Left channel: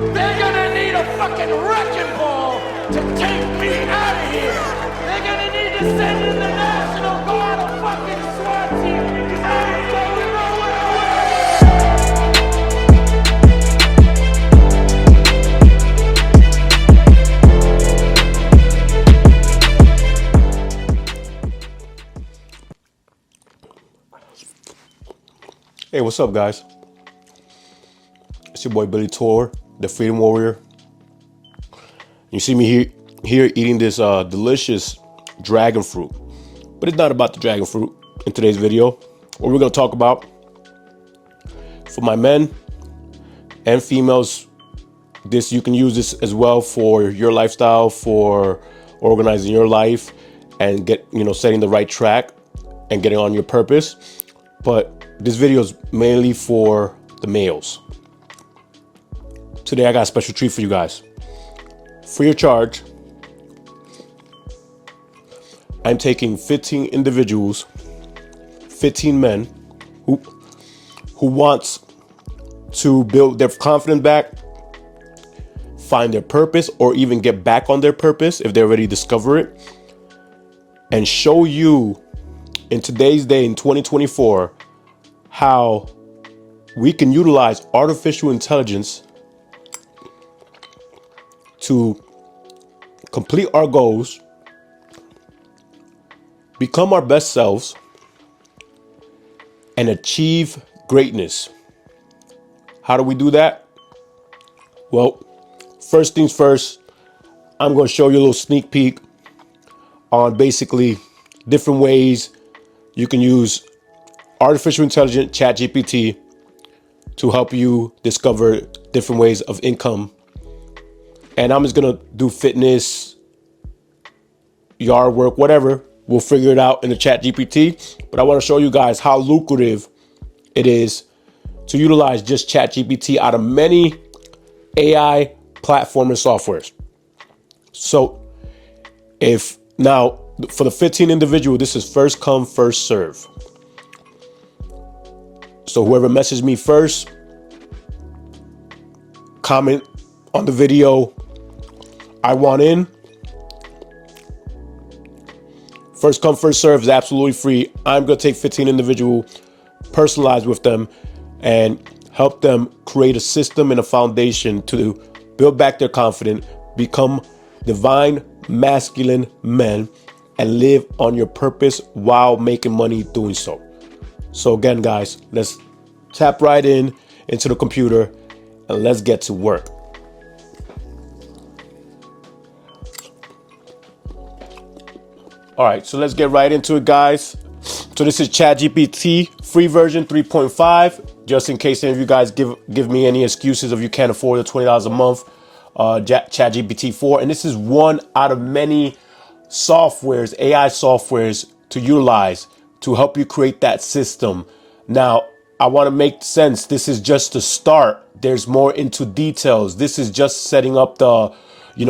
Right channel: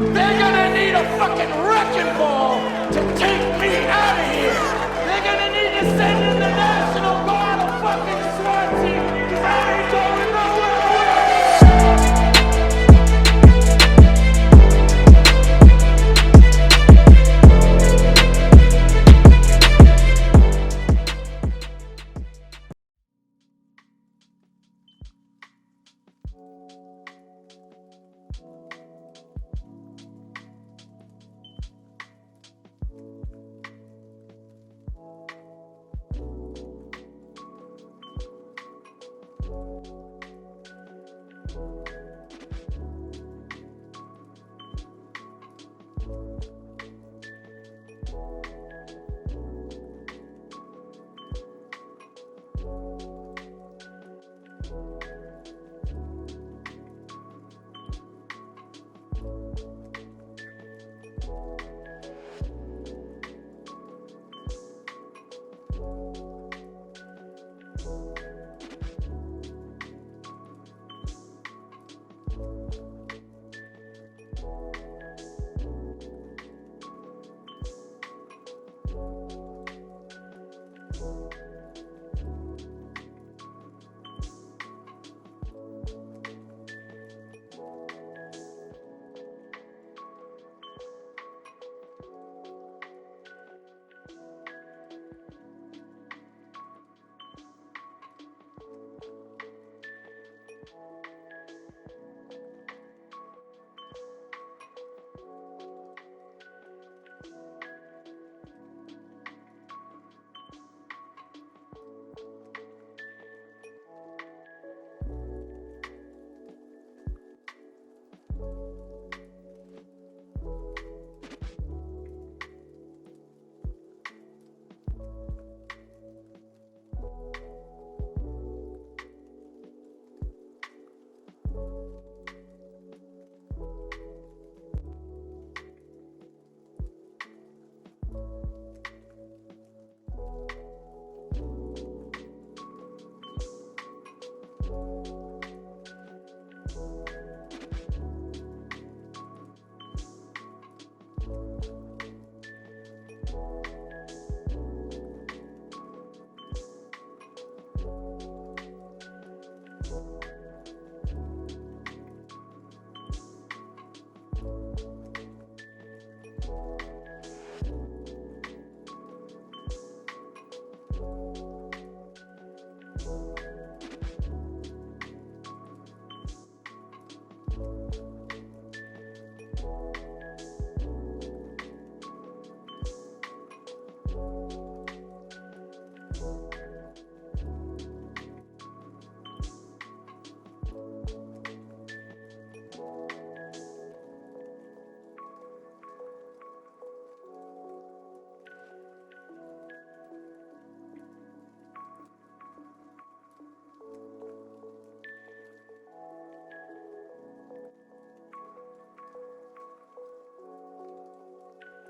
They're gonna need a fucking wrecking ball to take me out of here. They're gonna need to send in the National Guard, a fucking SWAT team, because I ain't going nowhere. Hey, what's up, guys? It's your boy Billy Torr, the Freedom Warrior. You see me here eating this delicious dragon fruit, but it's not about the dragon fruit in today's video. What we're going to talk about, for my men and females, you can use this as well for your lifestyle, for organizing your life and setting the right track and getting on your purpose. But this video is mainly for the males. Today I got a special treat for you guys. Free of charge, I'm taking 15 individuals, 15 men who wants to build their confidence back, find their purpose, or even get back on their purpose if they already discover it, and show you in today's day, in 2024, how we can utilize artificial intelligence to complete our goals, become our best selves, and achieve greatness. How do we do that? Well, first things first, I'm going to show you a little sneak peek on basically different ways you can use artificial intelligence, ChatGPT, to help you discover different ways of income. And I'm just gonna do fitness, yard work, whatever. We'll figure it out in the ChatGPT. But I want to show you guys how lucrative it is to utilize just ChatGPT out of many AI platform and softwares. So now for the 15 individual, this is first come, first serve. So whoever messaged me first, comment on the video, I want in. First come, first serve is absolutely free. I'm going to take 15 individual, personalize with them, and help them create a system and a foundation to build back their confidence, become divine masculine men, and live on your purpose while making money doing so. So again, guys, let's tap right into the computer and let's get to work. All right, so let's get right into it, guys. So this is ChatGPT free version 3.5. Just in case any of you guys give me any excuses if you can't afford the $20 a month, ChatGPT 4. And this is one out of many softwares, AI softwares to utilize to help you create that system. Now, I want to make sense. This is just the start. There's more into details. This is just setting up the,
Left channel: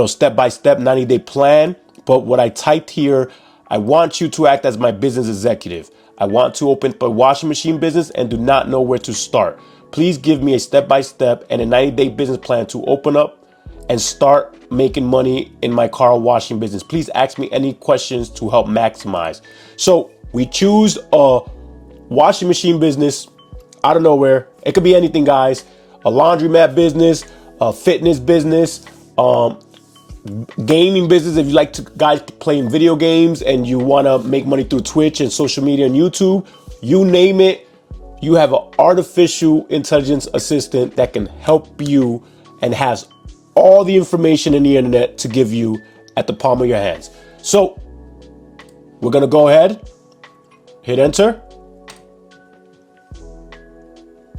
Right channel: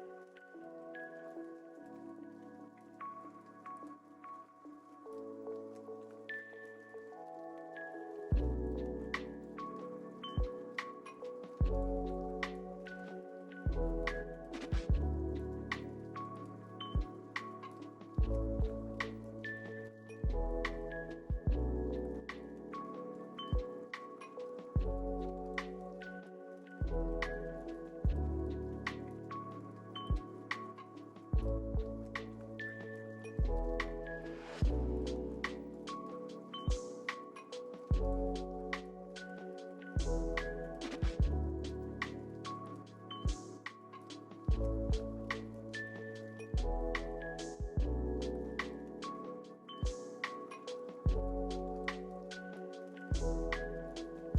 step-by-step 90-day plan. But what I typed here, I want you to act as my business executive. I want to open a washing machine business and do not know where to start. Please give me a step-by-step and a 90-day business plan to open up and start making money in my car washing business. Please ask me any questions to help maximize. So we choose a washing machine business out of nowhere. It could be anything, guys. A laundromat business, a fitness business, gaming business. If you like to guys playing video games and you want to make money through Twitch and social media and YouTube, you name it, you have an artificial intelligence assistant that can help you and has all the information in the internet to give you at the palm of your hands. So we're going to go ahead, hit enter.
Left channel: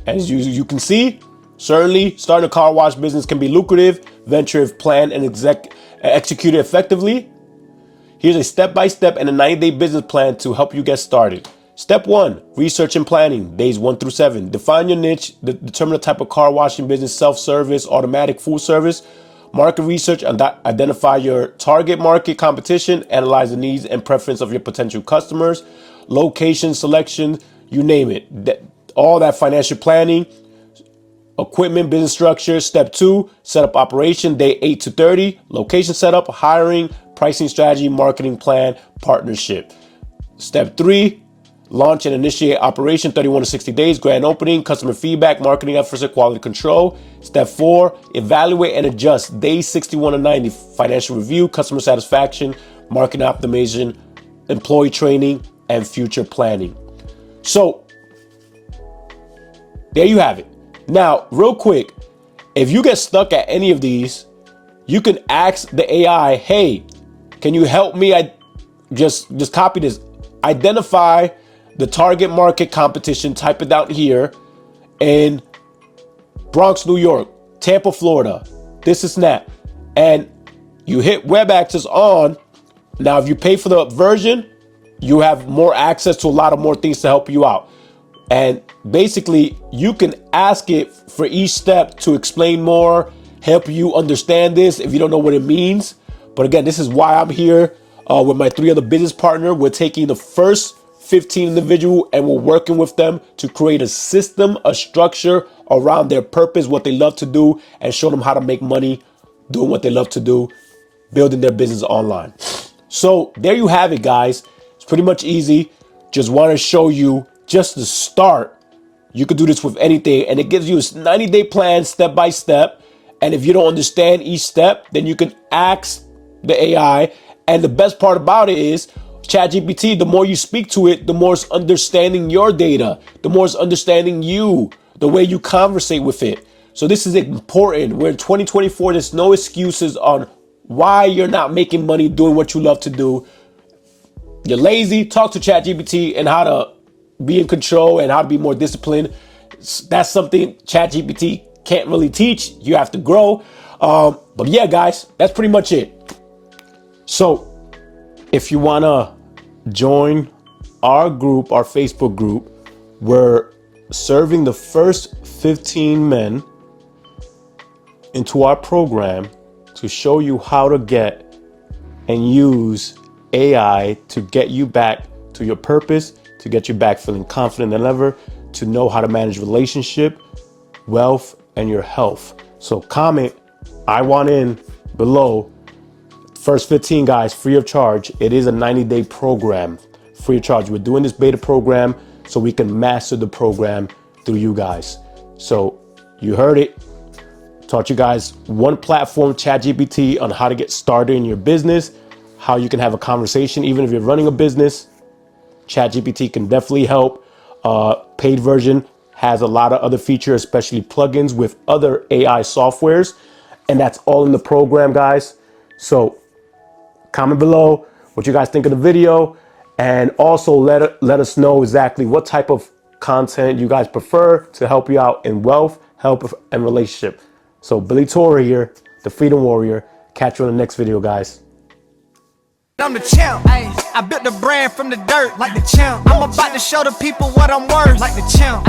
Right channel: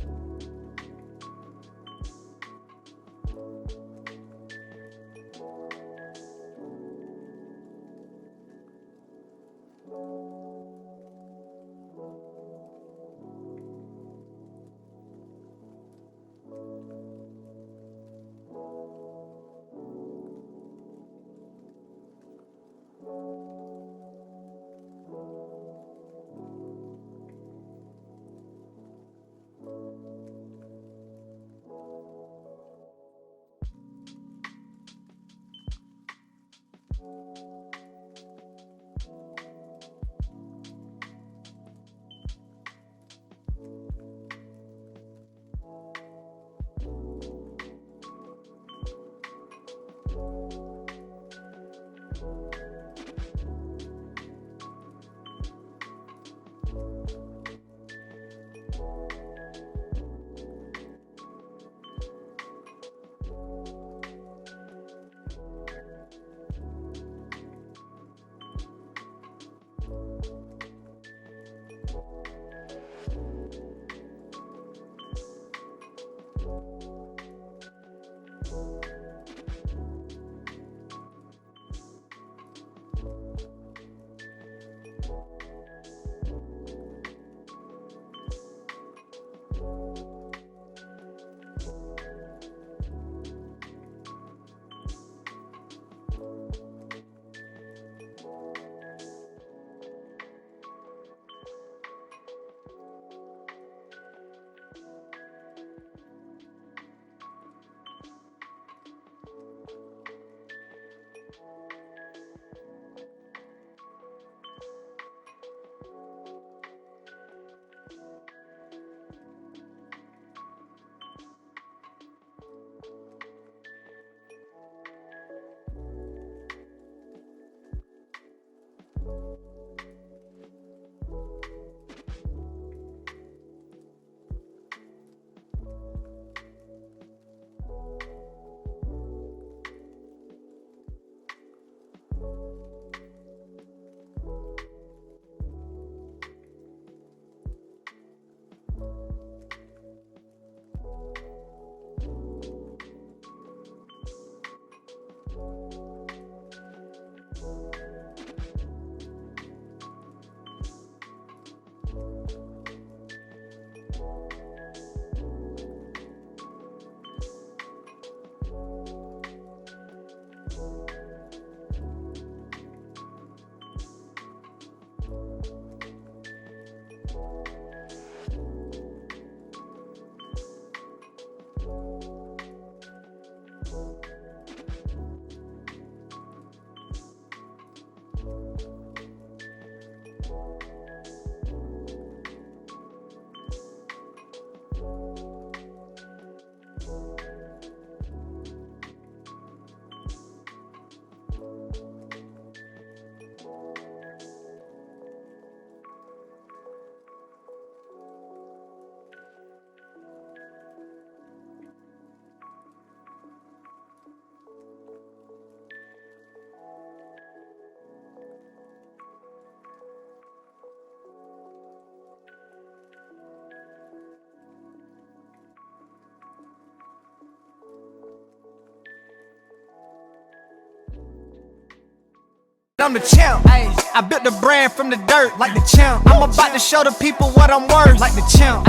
As you can see, certainly starting a car wash business can be lucrative venture if planned and executed effectively. Here's a step-by-step and a 90-day business plan to help you get started. Step 1, research and planning, days 1 through 7. Define your niche, determine the type of car washing business, self-service, automatic, full service. Market research, identify your target market competition, analyze the needs and preference of your potential customers. Location selection, you name it. All that financial planning. equipment, business structure. Step 2, set up operation, day 8 to 30. Location setup, hiring, pricing strategy, marketing plan, partnership. Step 3, launch and initiate operation, 31 to 60 days, grand opening, customer feedback, marketing efforts, and quality control. Step 4, evaluate and adjust, days 61 to 90, financial review, customer satisfaction, marketing optimization, employee training, and future planning. So there you have it. Now, real quick, if you get stuck at any of these, you can ask the AI, hey, can you help me? I just copy this. Identify the target market competition, type it down here in Bronx, New York, Tampa, Florida, this is that. And you hit web access on. Now, if you pay for the version, you have more access to a lot of more things to help you out. And basically, you can ask it for each step to explain more, help you understand this if you don't know what it means. But again, this is why I'm here with my 3 other business partners. We're taking the first 15 individual and we're working with them to create a system, a structure around their purpose, what they love to do, and show them how to make money doing what they love to do, building their business online. So there you have it, guys. It's pretty much easy. Just want to show you just the start. You could do this with anything, and it gives you a 90-day plan step by step. And if you don't understand each step, then you can ask the AI. And the best part about it is ChatGPT, the more you speak to it, the more it's understanding your data, the more it's understanding you, the way you conversate with it. So this is important. We're in 2024. There's no excuses on why you're not making money doing what you love to do. You're lazy, talk to ChatGPT and how to be in control and how to be more disciplined. That's something ChatGPT can't really teach. You have to grow. But yeah, guys, that's pretty much it. So if you want to join our group, our Facebook group, we're serving the first 15 men into our program to show you how to get and use AI to get you back to your purpose, to get you back feeling confident than ever, to know how to manage relationship, wealth, and your health. So comment, I want in below. First 15 guys, free of charge. It is a 90-day program, free of charge. We're doing this beta program so we can master the program through you guys. So you heard it. Taught you guys one platform, ChatGPT, on how to get started in your business, how you can have a conversation even if you're running a business. ChatGPT can definitely help. Paid version has a lot of other features, especially plugins with other AI softwares. And that's all in the program, guys. So comment below what you guys think of the video. And also let us know exactly what type of content you guys prefer to help you out in wealth, health, and relationship. So Billy Torr here, the Freedom Warrior. Catch you on the next video, guys. I'm the champ. I built the brand from the dirt like the champ. I'm about to show the people what I'm worth like the champ.